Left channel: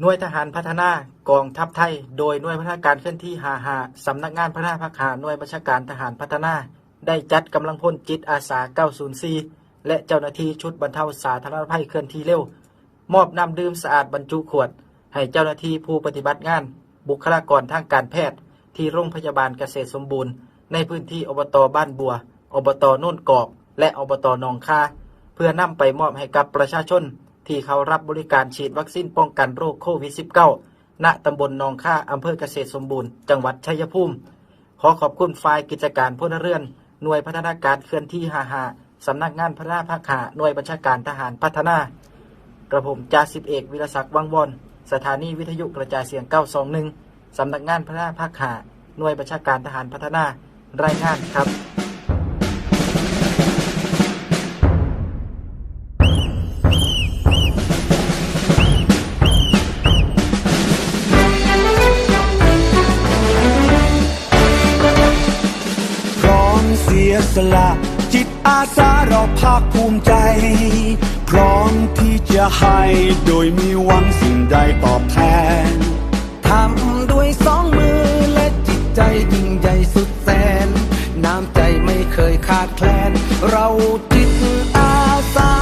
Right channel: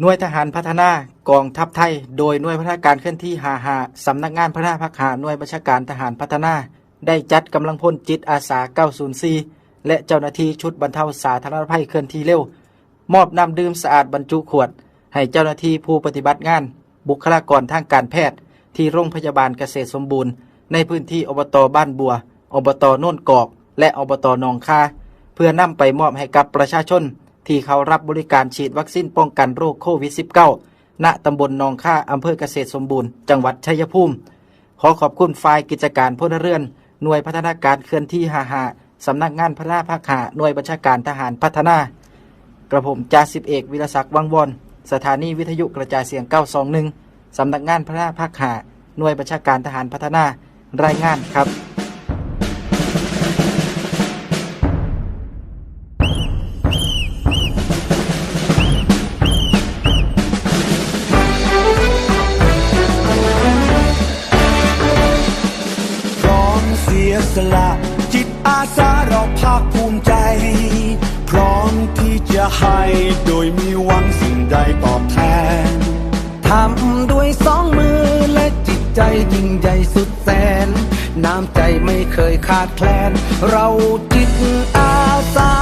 หน่วยทหารพัฒนากองทัพไทย โดยหน่วยพัฒนาการเคลื่อนที่หาหาสำนักงานพัฒนาภาคหาหน่วยบัญชาการทหารพัฒนา ได้จัดกำลังพลจิตอาสา 904 และเจ้าหน้าที่ชุดบรรเทาสาธารณภัยเคลื่อนที่เร็ว มอบน้ำดื่มสะอาดบรรจุขวด ให้เจ้าหน้าที่ผู้ปฏิบัติงาน บุคลากรทางการแพทย์ ที่โรงพยาบาลเกษตรสมบูรณ์ ในพื้นที่อบตบ้านบัว อบตโน่นกอกและอบตหนองคาเพื่อนำไปมอบให้กับประชาชน ที่เขารับบริการฉีดวัคซีนป้องกันโรคโควิด -19 ณตำบลหนองค่าอำเภอเกษตรสมบูรณ์ จังหวัดชัยภูมิ ขอขอบคุณฝ่ายกิจการพลเรือน หน่วยพัฒนาการเคลื่อนที่หาหาสำนักงานพัฒนาภาคหาหน่วยบัญชาการทหารพัฒนา กระผมจ่าสิบเอกวิรศักดิ์วังวอนสถานีวิทยุกระจายเสียง 921 สำนักงานพัฒนาภาคหาหน่วยบัญชาการทหารพัฒนา รายงานครับ เสียสละ จิตอาสาเราภาคภูมิใจ พร้อมที่จะให้โดยมีหวังสิ่งใดตอบแทนทำด้วยสองมือและจิตใจยิ่งใหญ่สุดแสน น้ำใจไม่เคยขาดแคลน เราจิตอาสา